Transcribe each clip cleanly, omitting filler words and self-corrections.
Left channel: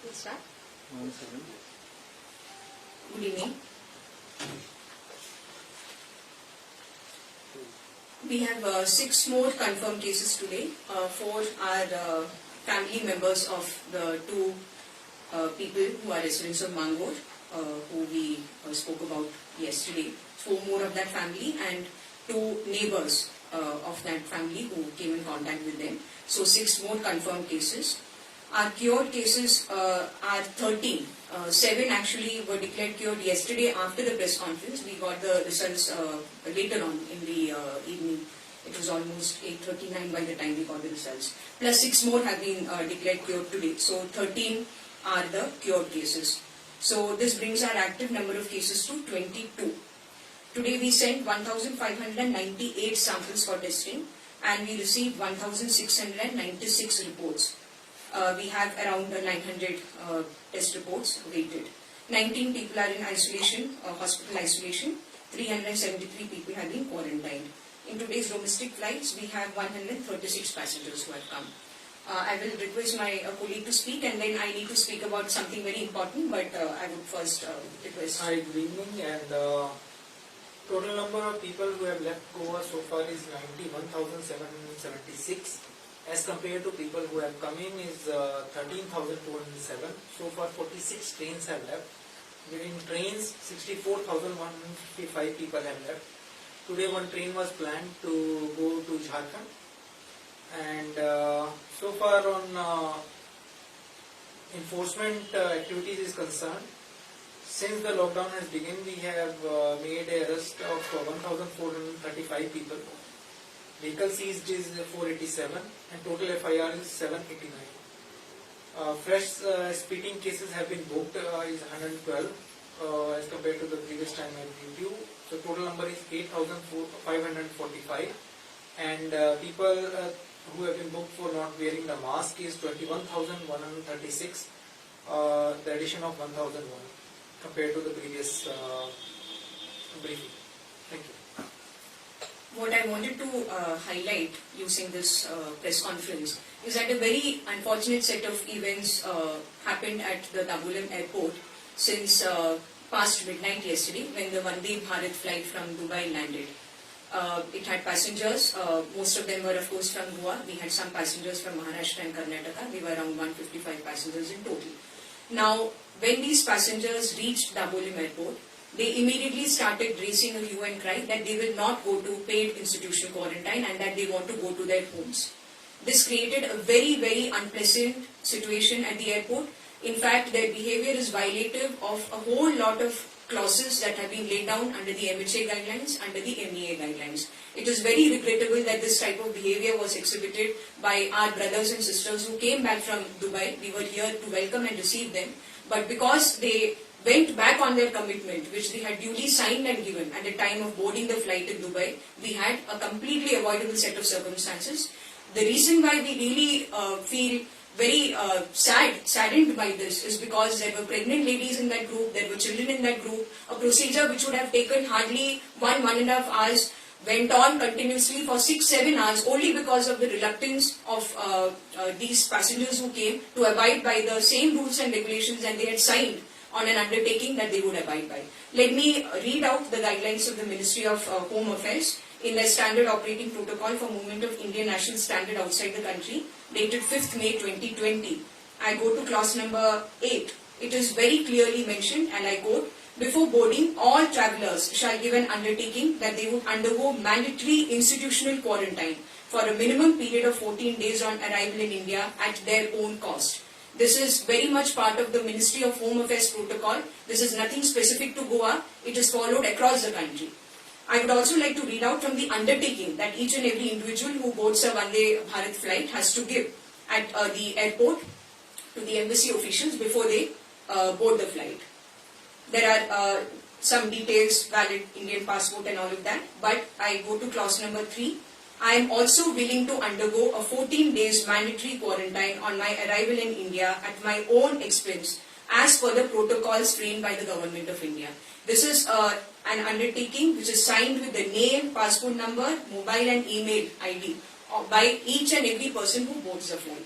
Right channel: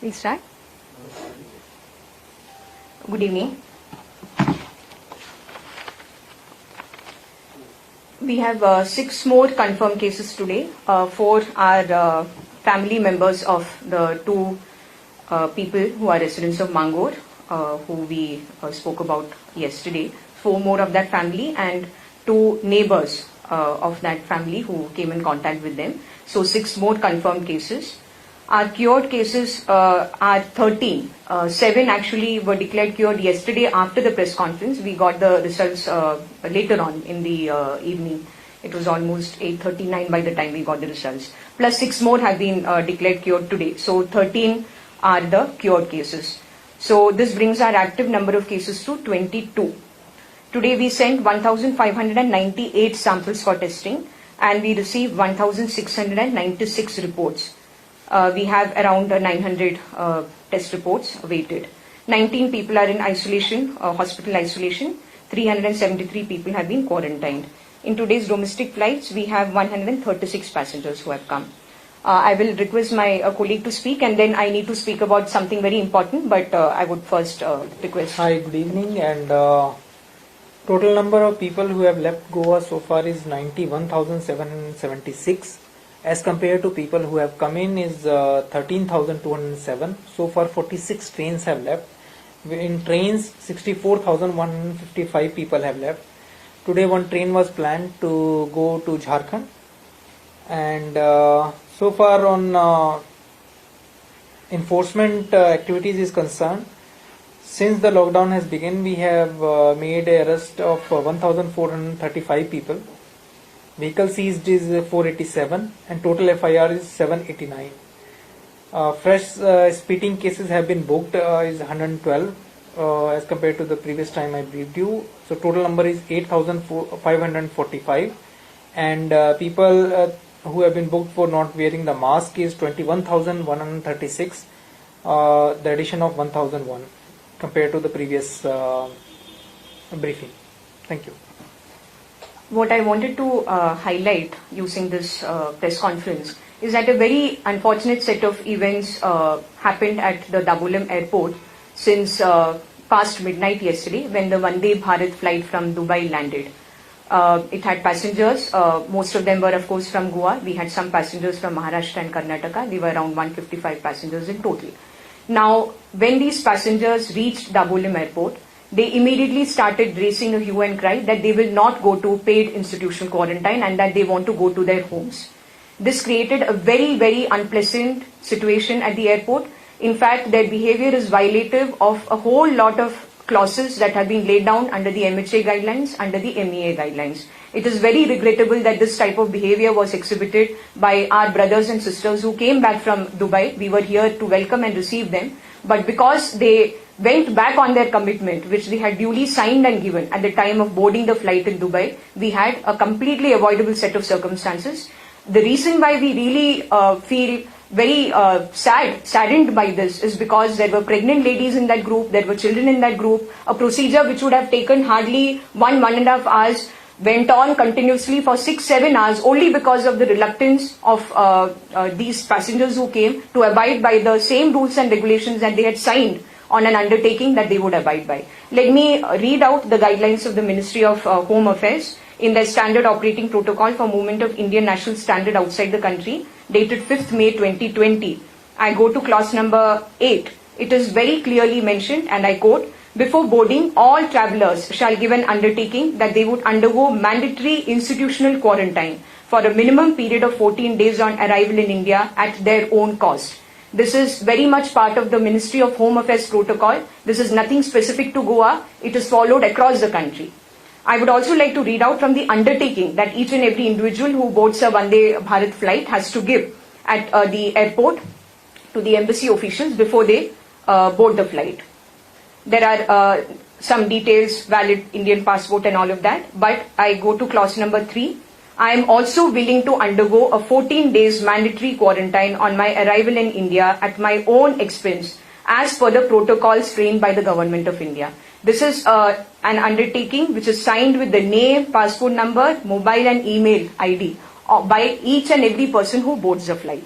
We start. Good evening. We have 6 more confirmed cases today. 4 are family members of the 2 people who are residents of Mangor, who we spoke about yesterday. 4 more of that family and 2 neighbors of that family who came in contact with them. So 6 more confirmed cases. Our cured cases are 13. 7 actually were declared cured yesterday after the press conference. We got the results later on in the evening. It was almost 8:39 by the time we got the results. Plus 6 more have been declared cured today. So 13 are the cured cases. So this brings our active number of cases to 22. Today we sent 1,598 samples for testing and we received 1,696 reports. We have around 900 test reports awaited. 19 people are in isolation, hospital isolation. 373 people have been quarantined. In today's domestic flights, we have 136 passengers who have come. I will request my colleague to speak and then I need to speak about something very important, but I would first request. Hi, good evening, and total number of people who have left Goa so far is 91,776. As compared to people who have come in is 13,207. So far 46 trains have left. In trains 64,155 people have left. Today one train was planned to go to Jharkhand, and so far on enforcement activities is concerned, since the lockdown has begun, we have made an arrest of 1,435 people. Vehicle seized is 487 and total FIR is 789. Fresh speeding cases have been booked is 112 as compared to the previous time I briefed you. So total number is 8,545, and people who have been booked for not wearing the mask is 21,136, the addition of 1,001 compared to the previous briefing. Thank you. What I wanted to highlight using this press conference is that a very unfortunate set of events happened at the Dabolim airport since past midnight yesterday when the Vande Bharat flight from Dubai landed. It had passengers, most of them were of course from Goa. We had some passengers from Maharashtra and Karnataka. We were around 155 passengers in total. Now, when these passengers reached Dabolim airport, they immediately started raising a hue and cry that they will not go to paid institutional quarantine and that they want to go to their homes. This created a very, very unpleasant situation at the airport. In fact, their behavior is violative of a whole lot of clauses that have been laid down under the MHA guidelines, under the MEA guidelines. It is very regrettable that this type of behavior was exhibited by our brothers and sisters who came back from Dubai. We were here to welcome and receive them. But because they went back on their commitment, which they had duly signed and given at the time of boarding the flight in Dubai, we had a completely avoidable set of circumstances. The reason why we really feel very saddened by this is because there were pregnant ladies in that group, there were children in that group. A procedure which would have taken hardly 1.5 hours went on continuously for 6-7 hours only because of the reluctance of these passengers who came to abide by the same rules and regulations that they had signed on an undertaking that they would abide by. Let me read out the guidelines of the Ministry of Home Affairs in their standard operating protocol for movement of Indian national standard outside the country, dated 5th May 2020. I go to clause number 8. It is very clearly mentioned, and I quote, "Before boarding, all travellers shall give an undertaking that they would undergo mandatory institutional quarantine for a minimum period of 14 days on arrival in India at their own cost." This is very much part of the Ministry of Home Affairs protocol. This is nothing specific to Goa. It is followed across the country. I would also like to read out from the undertaking that each and every individual who boards a Vande Bharat flight has to give at the airport to the embassy officials before they board the flight. There are some details, valid Indian passport and all of that, but I go to clause number 3. I am also willing to undergo a 14 days mandatory quarantine on my arrival in India at my own expense as per the protocols framed by the Government of India. This is an undertaking which is signed with the name, passport number, mobile and email ID by each and every person who boards the flight.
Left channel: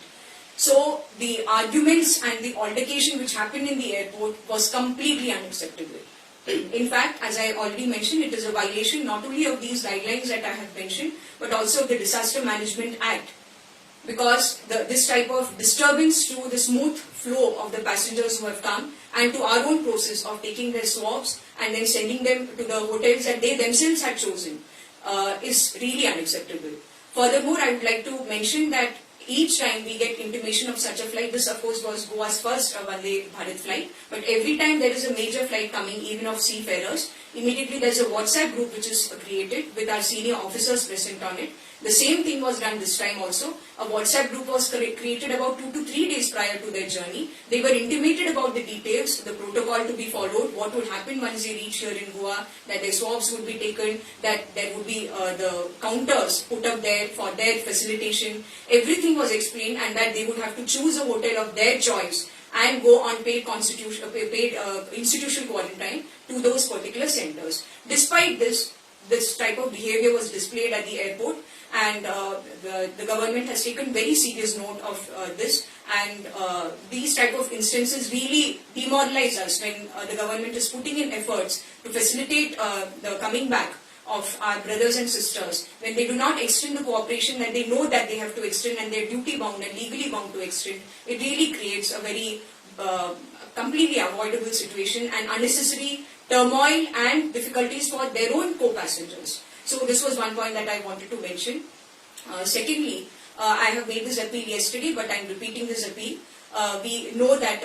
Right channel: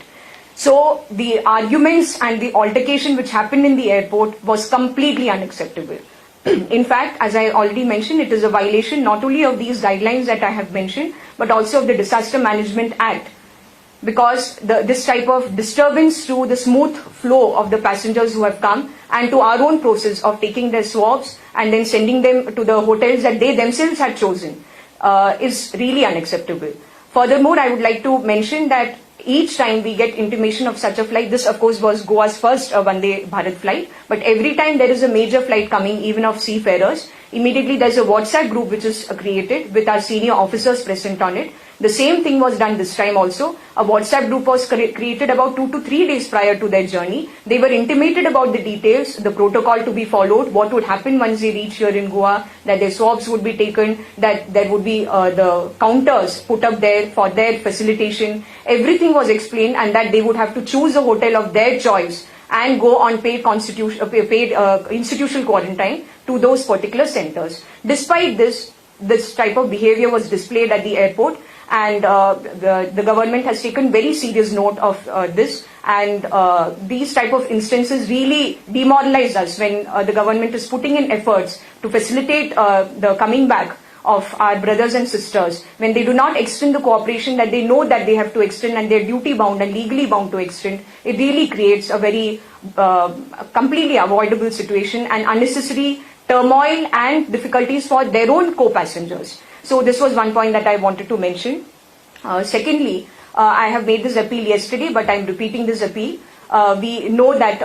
So the arguments and the altercation which happened in the airport was completely unacceptable. In fact, as I already mentioned, it is a violation not only of these guidelines that I have mentioned, but also of the Disaster Management Act, because this type of disturbance to the smooth flow of the passengers who have come and to our own process of taking their swabs and then sending them to the hotels that they themselves had chosen is really unacceptable. Furthermore, I would like to mention that each time we get intimation of such a flight, this of course was Goa's first Vande Bharat flight, but every time there is a major flight coming, even of seafarers, immediately there's a WhatsApp group which is created with our senior officers present on it. The same thing was done this time also. A WhatsApp group was created about 2 to 3 days prior to their journey. They were intimated about the details, the protocol to be followed, what would happen once they reach here in Goa, that their swabs would be taken, that there would be the counters put up there for their facilitation. Everything was explained, and that they would have to choose a hotel of their choice and go on paid institutional quarantine to those particular centers. Despite this type of behavior was displayed at the airport, and the government has taken very serious note of this, and these type of instances really demoralize us when the government is putting in efforts to facilitate the coming back of our brothers and sisters, when they do not extend the cooperation that they know that they have to extend and they're duty bound and legally bound to extend. It really creates a very completely avoidable situation and unnecessary turmoil and difficulties for their own co-passengers. So this was one point that I wanted to mention. Secondly, I have made this appeal yesterday, but I'm repeating this appeal. We know that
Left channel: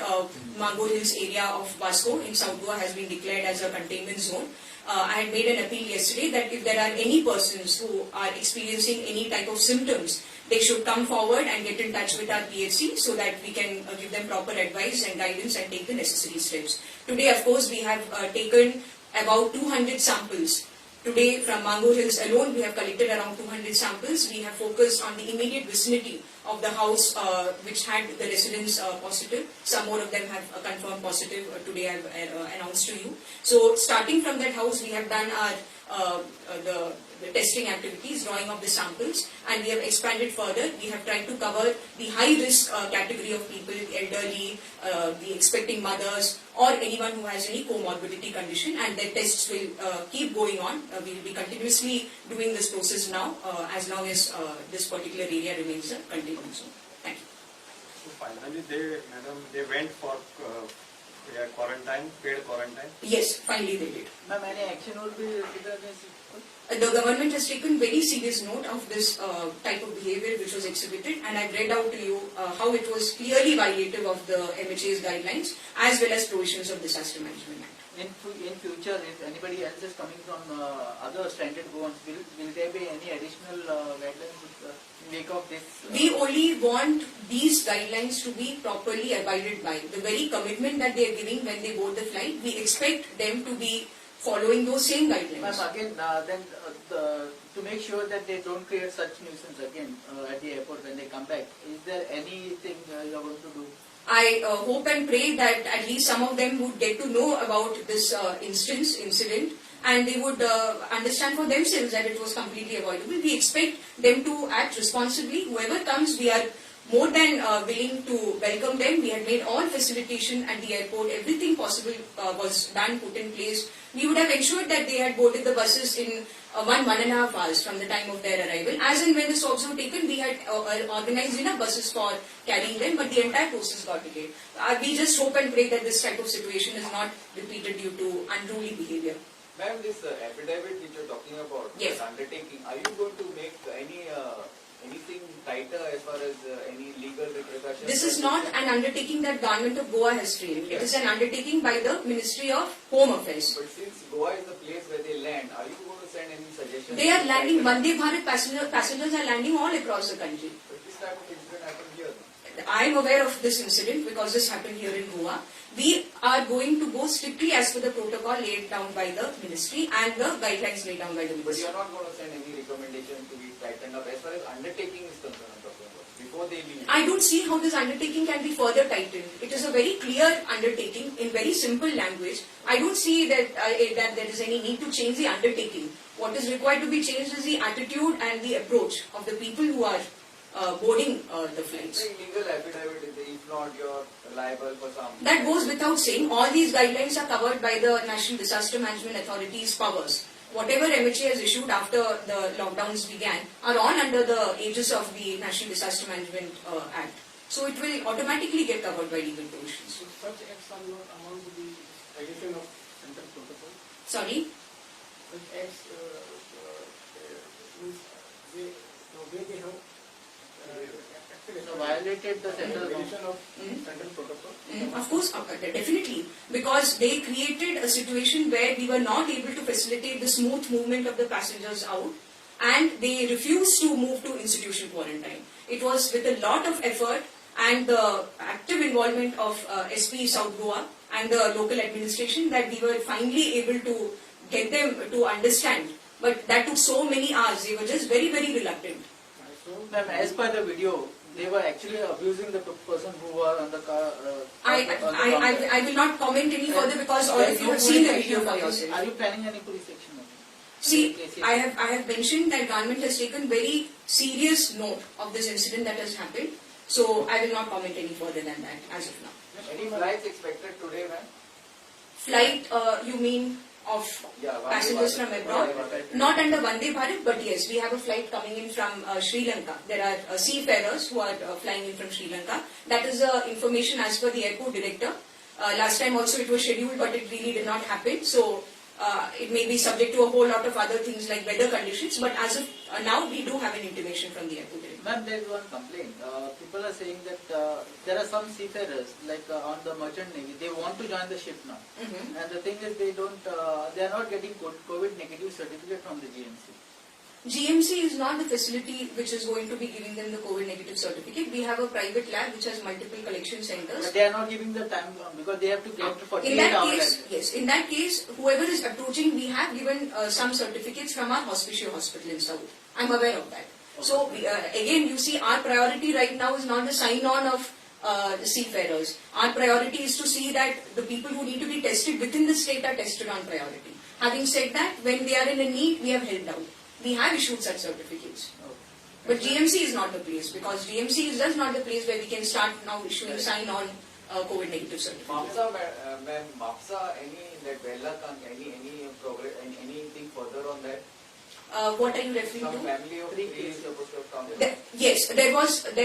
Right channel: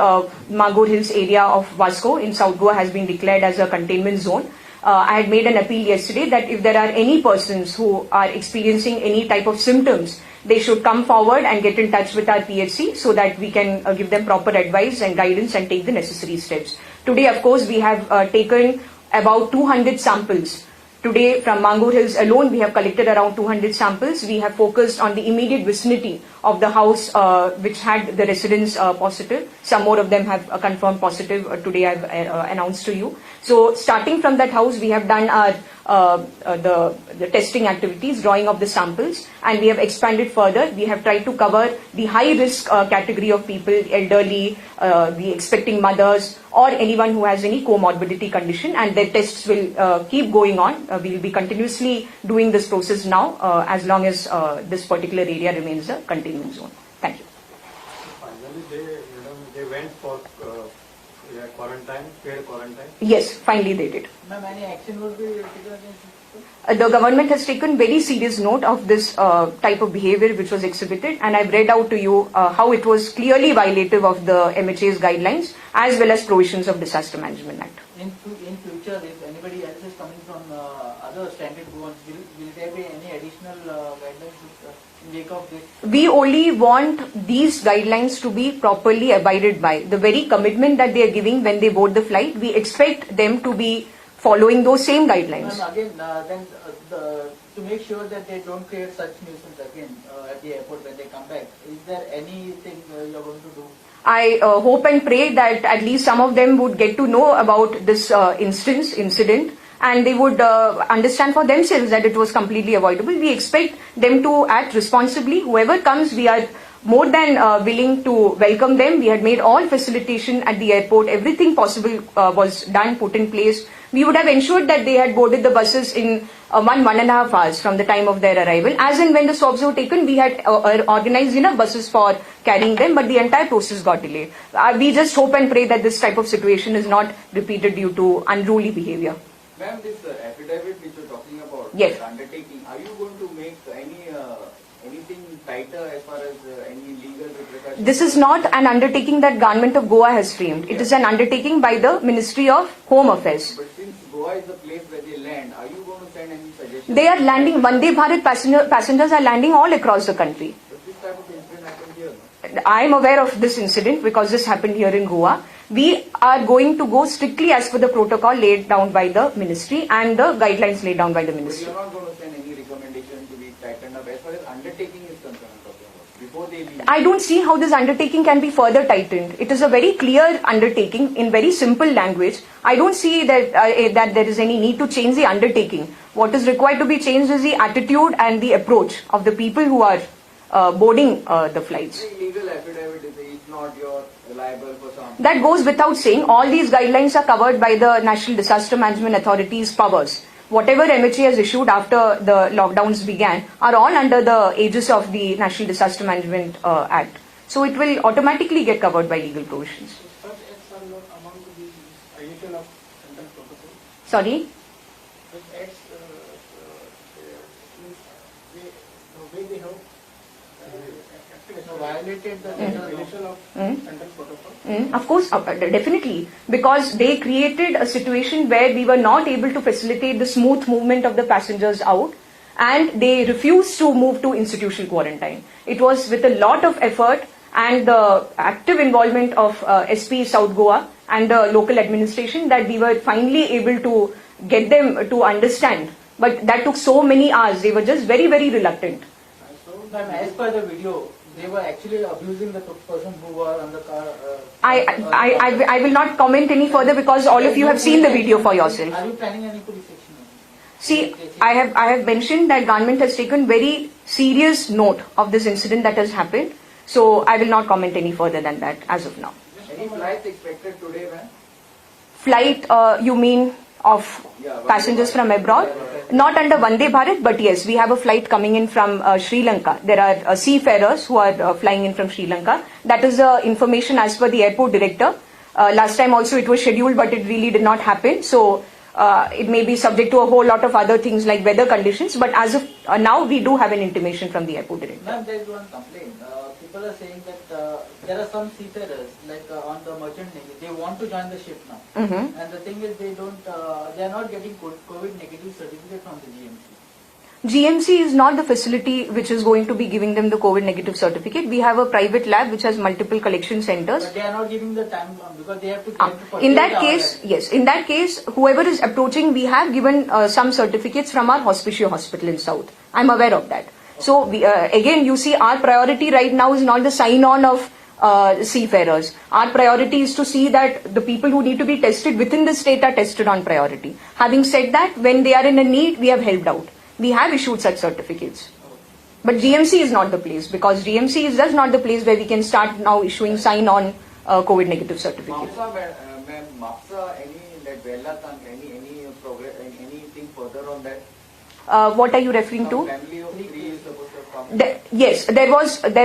Mangur Hills area of Vasco in South Goa has been declared as a containment zone. I had made an appeal yesterday that if there are any persons who are experiencing any type of symptoms, they should come forward and get in touch with our PHC so that we can give them proper advice and guidance and take the necessary steps. Today, of course, we have taken about 200 samples. Today, from Mangur Hills alone, we have collected around 200 samples. We have focused on the immediate vicinity of the house which had the residents positive. Some more of them have confirmed positive today I've announced to you. So starting from that house, we have done our the testing activities, drawing of the samples, and we have expanded further. We have tried to cover the high risk category of people, elderly, the expecting mothers, or anyone who has any comorbidity condition, and their tests will keep going on. We will be continuously doing this process now as long as this particular area remains a containment zone. Thank you. Finally, they went for quarantine, paid quarantine? Yes, finally they did. Ma'am, any action will be taken against The government has taken very serious note of this type of behavior which was exhibited, and I've read out to you how it was clearly violative of the MHA's guidelines as well as provisions of Disaster Management Act. in future, if anybody else is coming from other stranded Goans, will there be any additional guidelines in wake of this? We only want these guidelines to be properly abided by. The very commitment that they are giving when they board the flight, we expect them to be following those same guidelines. Ma'am, again, to make sure that they don't create such nuisance again at the airport when they come back, is there anything you're going to do? I hope and pray that at least some of them would get to know about this incident, and they would understand for themselves that it was completely avoidable. We expect them to act responsibly. Whoever comes, we are more than willing to welcome them. We had made all facilitation at the airport. Everything possible was done, put in place. We would have ensured that they had boarded the buses in 1.5 hours from the time of their arrival. As and when the swabs were taken, we had organized enough buses for carrying them, but the entire process got delayed. We just hope and pray that this type of situation is not repeated due to unruly behavior. Ma'am, this affidavit which you're talking about, Yes. undertaking, are you going to make anything tighter as far as any legal repercussions? This is not an undertaking that Government of Goa has framed. It is an undertaking by the Ministry of Home Affairs. But since Goa is the place where they land, are you going to send any suggestions? They are landing, Vande Bharat passengers are landing all across the country. If this type of incident happened here, I am aware of this incident because this happened here in Goa. We are going to go strictly as per the protocol laid down by the ministry and the guidelines laid down by the but ministry. you're not going to send any recommendation to be tightened up as far as undertaking is concerned, I'm talking about, before they leave. I don't see how this undertaking can be further tightened. It is a very clear undertaking in very simple language. I don't see that that there is any need to change the undertaking. What is required to be changed is the attitude and the approach of the people who are boarding the flights. Legal affidavit not, you're liable for some. That goes without saying. All these guidelines are covered by the National Disaster Management Authority's powers. Whatever MHA has issued after the lockdowns began are all under the aegis of the National Disaster Management Act. So it will automatically get covered by legal provisions. Such acts are not among the violation of central protocol. Sorry? Such acts means the way they have violated the central law. violation of Mm. central protocol. Of course, definitely. Because they created a situation where we were not able to facilitate the smooth movement of the passengers out, and they refused to move to institutional quarantine. It was with a lot of effort and the active involvement of SP South Goa and the local administration that we were finally able to get them to understand. But that took so many hours. They were just very, very reluctant. Ma'am, as per the video, they were actually abusing the person who were on the car. I will not comment any further because all of you have seen the video for yourself. Are you planning any police action? See, I have mentioned that government has taken very serious note of this incident that has happened. So I will not comment any further than that as of now. Any flights expected today, ma'am? Flight, you mean of Yeah, passengers from abroad? Not under Vande Bharat, but yes, we have a flight coming in from Sri Lanka. There are seafarers who are flying in from Sri Lanka. That is the information as per the airport director. Last time also it was scheduled, but it really did not happen. So it may be subject to a whole lot of other things like weather conditions. But as of now, we do have an intimation from the airport director. Ma'am, there is one complaint. People are saying that there are some seafarers, like on the merchant navy, they want to join the ship now. Mhm. And the thing is, they are not getting COVID negative certificate from the GMC. GMC is not the facility which is going to be giving them the COVID negative certificate. We have a private lab which has multiple collection centers. But they are not giving the time because they have to get for In 48 that hours. case, yes, in that case, whoever is approaching, we have given some certificates from our Hospicio Hospital in South. I'm aware of that. So we, again, you see, our priority right now is not the sign-on of seafarers. Our priority is to see that the people who need to be tested within the state are tested on priority. Having said that, when they are in a need, we have helped out. We have issued such certificates. But GMC is not the place because GMC is just not the place where we can start now issuing sign-on COVID negative certificates. MAPSA, ma'am, MAPSA, any like any progress, anything further on that? What are you referring Some to? family of three is supposed to have come. Yes, there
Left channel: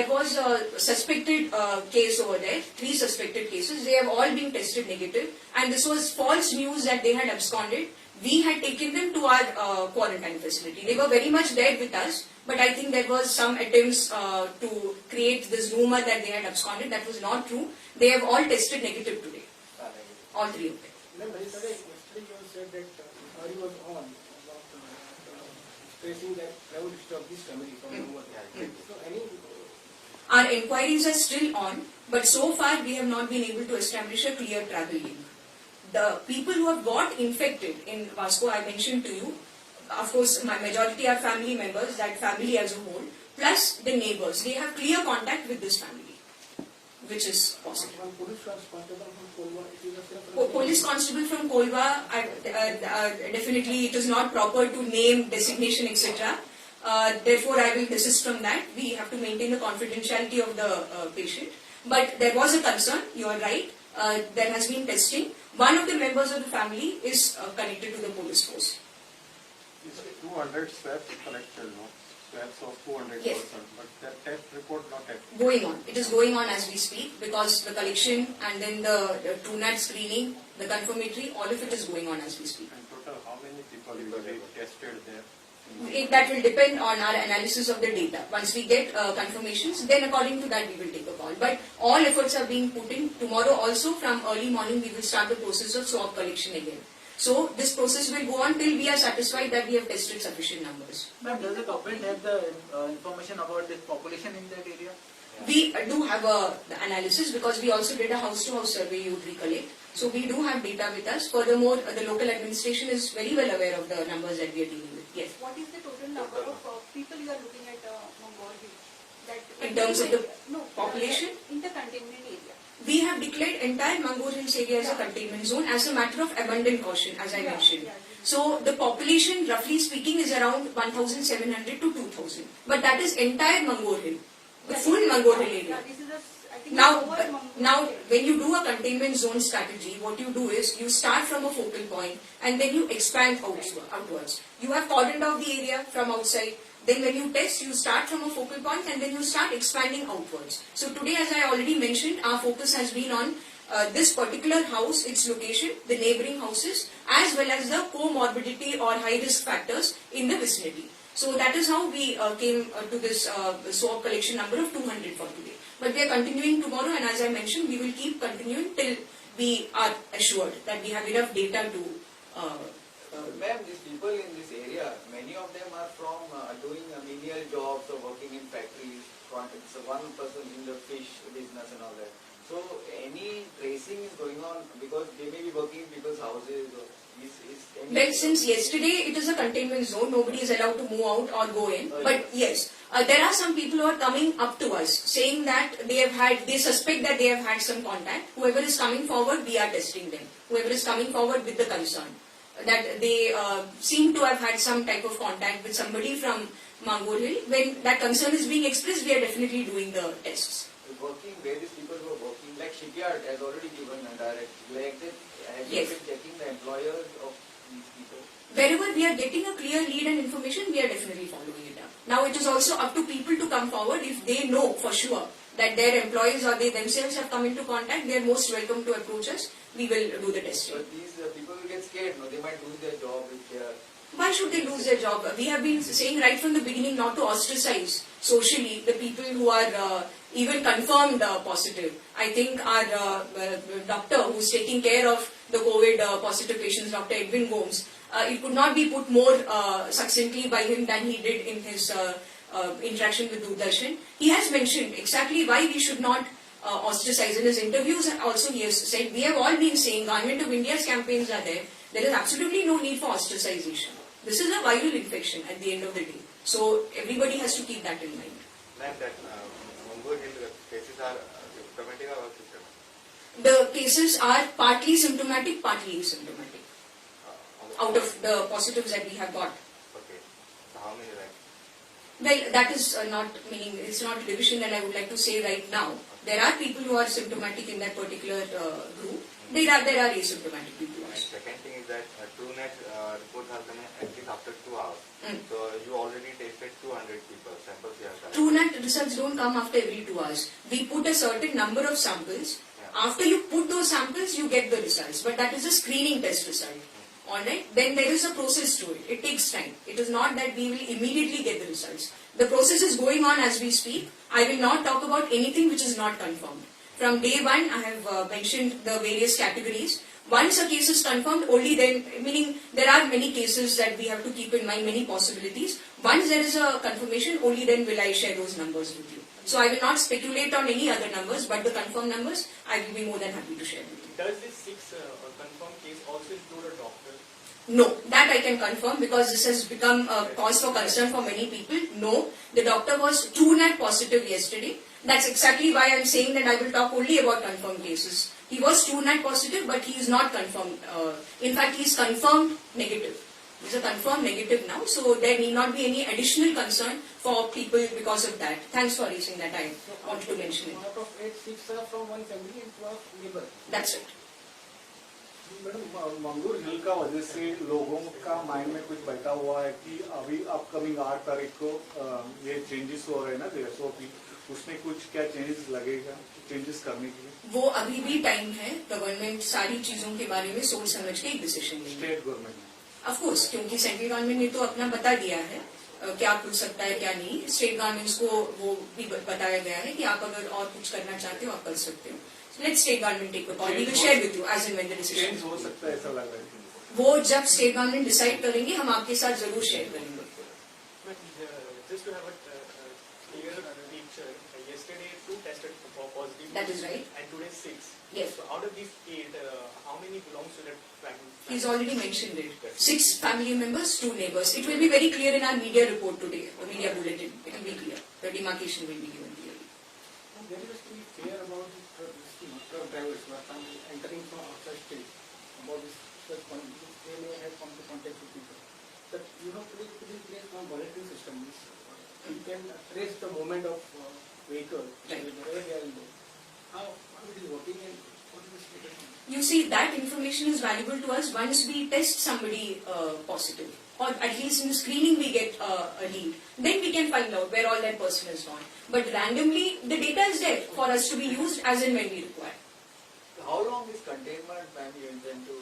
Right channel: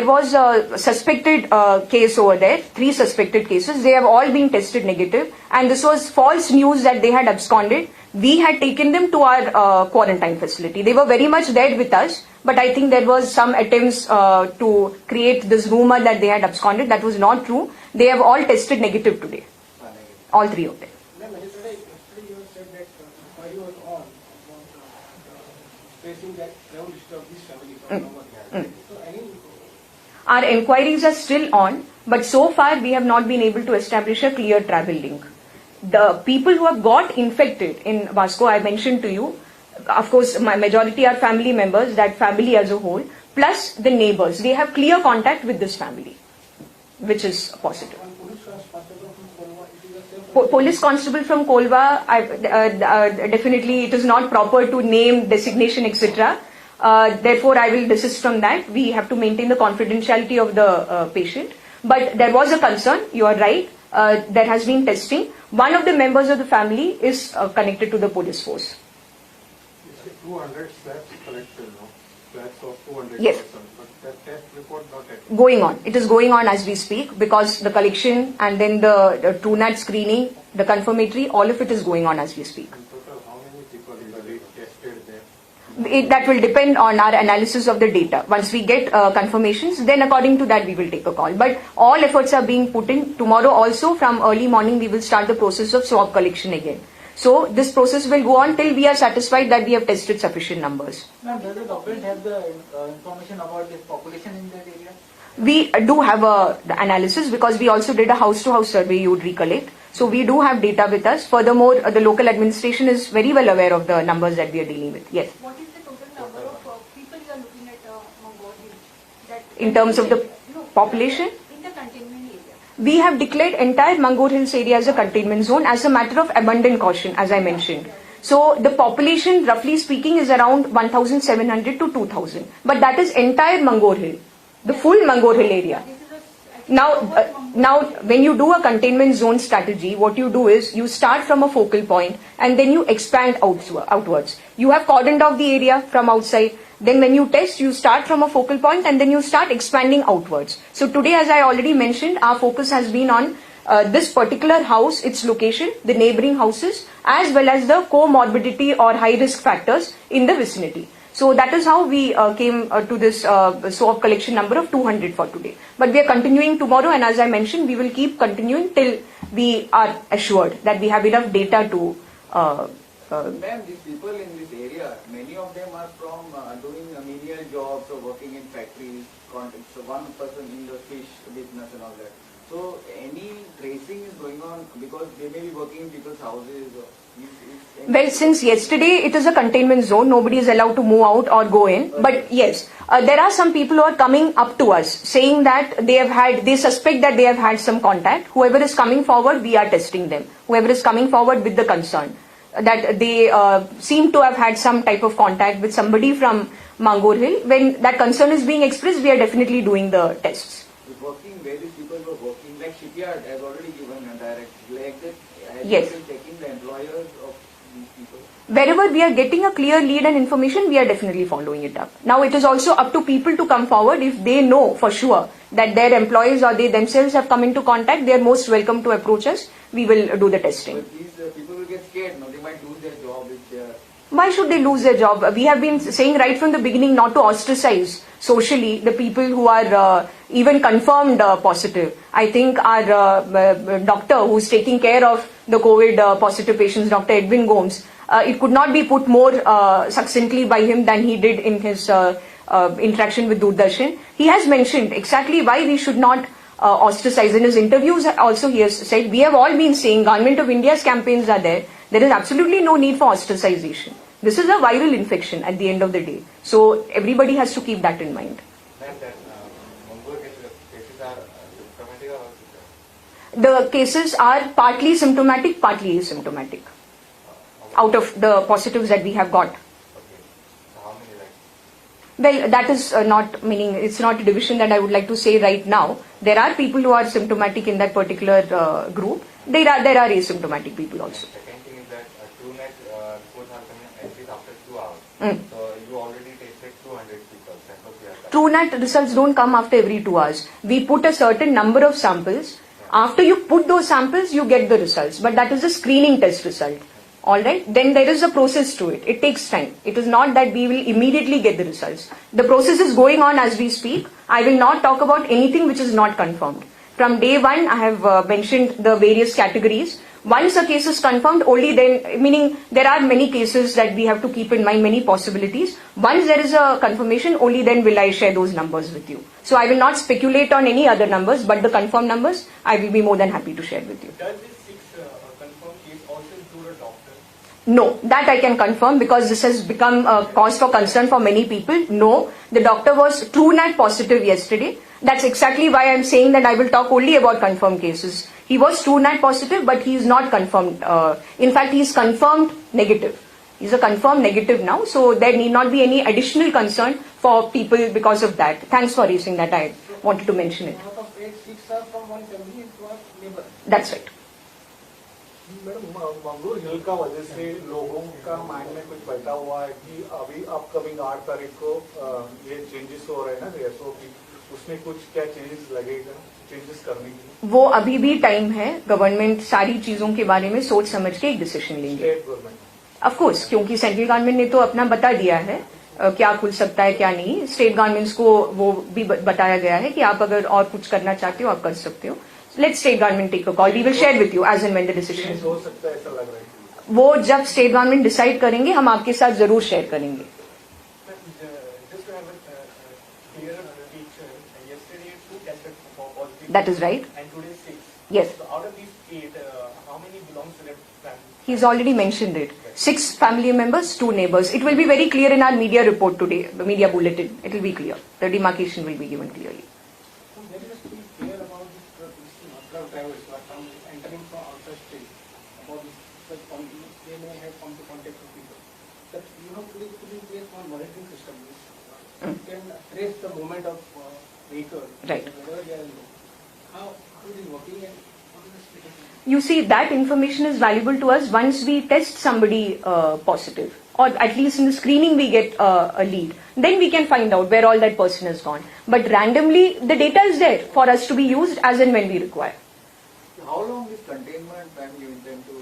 was a suspected case over there, 3 suspected cases. They have all been tested negative, and this was false news that they had absconded. We had taken them to our quarantine facility. They were very much there with us, but I think there was some attempts to create this rumor that they had absconded. That was not true. They have all tested negative today, all 3 of them. Yesterday you have said that inquiry was on facing that now disturb this family from November. So any Our inquiries are still on, but so far we have not been able to establish a clear travel link. The people who have got infected in Vasco, I mentioned to you, of course, my majority are family members, that family as a whole, plus the neighbors. They have clear contact with this family, which is positive. and police responsible from Kolwa, it is the same. Police constable from Kolva, definitely it is not proper to name, designation, etc. Therefore, I will desist from that. We have to maintain the confidentiality of the patient. But there was a concern, you are right, there has been testing. One of the members of the family is connected to the police force. You said 200 swabs collected, no? Swabs of 200 Yes. persons, but that test report not yet. Going on. It is going on as we speak because the collection and then the TrueNAT screening, the confirmatory, all of it is going on as we speak. In total, how many people is tested there? That will depend on our analysis of the data. Once we get confirmations, then according to that we will take a call. But all efforts are being put in. Tomorrow also from early morning we will start the process of swab collection again. So this process will go on till we are satisfied that we have tested sufficient numbers. Ma'am, does the government have the information about the population in that area? We do have the analysis because we also did a house-to-house survey, you would recollect. So we do have data with us. Furthermore, the local administration is very well aware of the numbers that we are dealing with. Yes. What is the total number of people you are looking at Mangalore? That In terms of the population? In the containment area. We have declared entire Mangalore Hills area as a containment zone as a matter of abundant caution, as I mentioned. So the population, roughly speaking, is around 1,700 to 2,000. But that is entire Mangalore Hill, the full Mangalore Hill area. This is Now, when you do a containment zone strategy, what you do is you start from a focal point and then you expand outwards. You have cordoned off the area from outside. Then when you test, you start from a focal point and then you start expanding outwards. So today, as I already mentioned, our focus has been on this particular house, its location, the neighboring houses, as well as the comorbidity or high risk factors in the vicinity. So that is how we came to this swab collection number of 200 for today. But we are continuing tomorrow, and as I mentioned, we will keep continuing till we are assured that we have enough data to. Ma'am, these people in this area, many of them are from doing menial jobs or working in factories. It's one person in the fish business and all that. So any tracing is going on because they may be working in people's houses. Well, since yesterday it is a containment zone, nobody is allowed to move out or go in. But yes, there are some people who are coming up to us saying that they suspect that they have had some contact. Whoever is coming forward, we are testing them. Whoever is coming forward with the concern that they seem to have had some type of contact with somebody from Mangur Hill. When that concern is being expressed, we are definitely doing the tests. Working, various people who are working, like shipyard has already given a direct, like that, has Yes. been checking the employers of these people. Wherever we are getting a clear lead and information, we are definitely following it up. Now it is also up to people to come forward. If they know for sure that their employees or they themselves have come into contact, they are most welcome to approach us. We will do the testing. But these people will get scared, no? They might lose their job if they are. Why should they lose their job? We have been saying right from the beginning not to ostracize socially the people who are even confirmed positive. I think our doctor who's taking care of the COVID positive patients, Dr. Edwin Gomes, it could not be put more succinctly by him than he did in his interaction with Doordarshan. He has mentioned exactly why we should not ostracize. In his interviews also he has said, we have all been saying Government of India's campaigns are there. There is absolutely no need for ostracization. This is a viral infection at the end of the day. So everybody has to keep that in mind. Then that Mangur cases are symptomatic or asymptomatic? The cases are partly symptomatic, partly asymptomatic. Out of the positives that we have got. Okay. So how many like? Well, that is not meaning, it's not a division that I would like to say right now. There are people who are symptomatic in that particular group. There are asymptomatic people also. Second thing is that TrueNet reports are coming at least after 2 hours. Mm. So you already tested 200 people. Suppose you have TrueNat results don't come after every 2 hours. We put a certain number of samples. After you put those samples, you get the results. But that is a screening test result. Alright? Then there is a process to it. It takes time. It is not that we will immediately get the results. The process is going on as we speak. I will not talk about anything which is not confirmed. From day one, I have mentioned the various categories. Once a case is confirmed, only then, meaning there are many cases that we have to keep in mind, many possibilities. Once there is a confirmation, only then will I share those numbers with you. So I will not speculate on any other numbers, but the confirmed numbers, I will be more than happy to share with you. Does this 6 confirmed case also include a doctor? No, that I can confirm because this has become a cause for concern for many people. No, the doctor was TrueNat positive yesterday. That's exactly why I'm saying that I will talk only about confirmed cases. He was TrueNat positive, but he is not confirmed. In fact, he is confirmed negative. He's a confirmed negative now, so there need not be any additional concern for people because of that. Thanks for raising that. I wanted to mention it. Out of 8, 6 are from one family and 2 are neighbor. That's it. Madam मंगूर हिल का वजह से लोगों का mind में कुछ बैठा हुआ है कि अभी अपकमिंग 8 तारीख को ये चेंजेस हो रहे हैं ना एसओपी, उसमें कुछ क्या चेंजेस लगेगा, चेंजेस करने के लिए? वो अभी भी टाइम है. गवर्नमेंट सारी चीजों के बारे में सोच समझ के एक डिसीजन लेंगे. स्टेट गवर्नमेंट ऑफ कोर्स, क्योंकि सेंट्रल गवर्नमेंट ने तो अपना बता दिया है क्या खुल सकता है क्या नहीं. स्टेट गवर्नमेंट्स को वो भी बताया गया है कि आप अगर और कुछ करना चाहते हो आप कर सकते हो. Let state government take a call. We will share with you as and when the decision. हो सकता है ऐसा लग रहा है. वो जब स्टेट गवर्नमेंट डिसाइड करेंगे हम आपके साथ जरूर शेयर करेंगे. Just to have a clear picture, yesterday 2 tested for positive. That is right. And today 6. Yes. So out of these 8, how many belongs to the family? He's already mentioned it. 6 family members, 2 neighbors. It will be very clear in our media report today, the media bulletin. It will be clear. The demarcation will be given clearly. There has to be clear about this drug drivers who are entering from outer state. About this such continuous, they may have come to contact with people. That you have to put in place one monitoring system. You can trace the movement of vehicle. Right. Whenever they are in. You see, that information is valuable to us once we test somebody positive, or at least in the screening we get a lead. Then we can find out where all that person has gone. But randomly, the data is there for us to be used as and when we require. How long is containment and you intend to?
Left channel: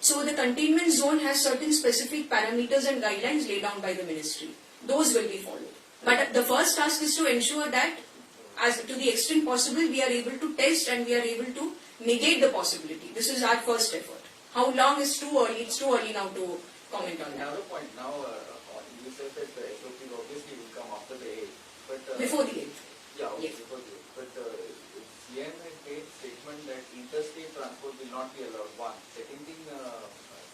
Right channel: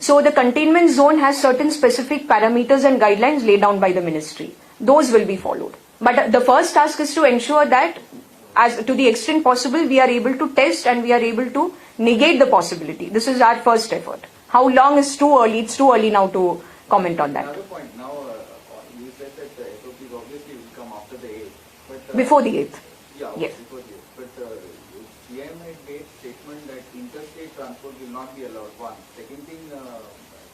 So the containment zone has certain specific parameters and guidelines laid down by the ministry. Those will be followed. But the first task is to ensure that, as to the extent possible, we are able to test and we are able to negate the possibility. This is our first effort. How long is too early? It's too early now to comment on that. Another point, now you said that the SOPs obviously will come after the 8th. But, Before the 8th. Yeah, Yes. before the 8th. But CM has made statement that interstate transport will not be allowed. One. Second thing,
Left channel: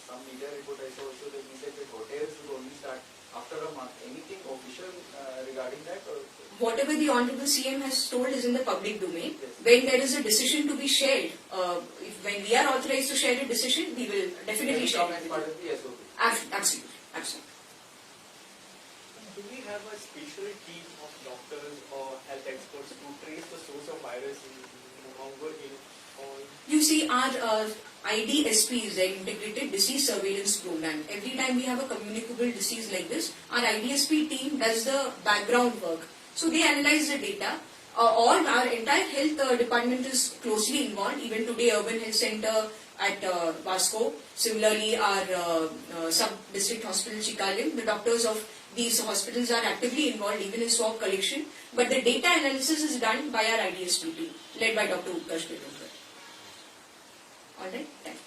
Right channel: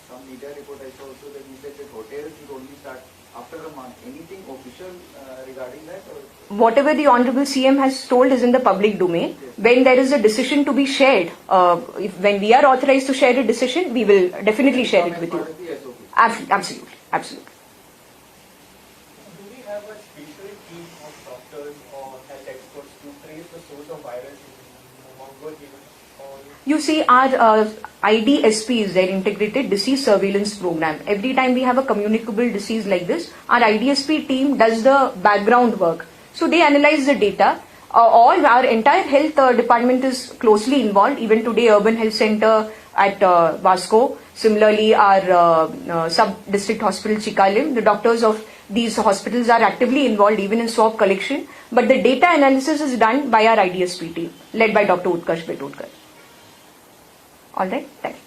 some media report I saw also that he said that hotels will only start after a month. Anything official regarding that? Or? Whatever the Honorable CM has told is in the public domain. When there is a decision to be shared, when we are authorized to share a decision, we will definitely share it with you. Part of the SOP. Absolutely, absolutely. Do we have a special team of doctors or health experts to trace the source of virus in Mongo here? You see, our IDSP is their Integrated Disease Surveillance Program. Every time we have a communicable disease like this, our IDSP team does the background work. So they analyze the data. All our entire health department is closely involved. Even today, Urban Health Center at Vasco. Similarly, our sub-district hospital Chikalim, the doctors of these hospitals are actively involved even in swab collection. But the data analysis is done by our IDSP team, led by Dr. Utkarsh Betodkar. All right, thank you.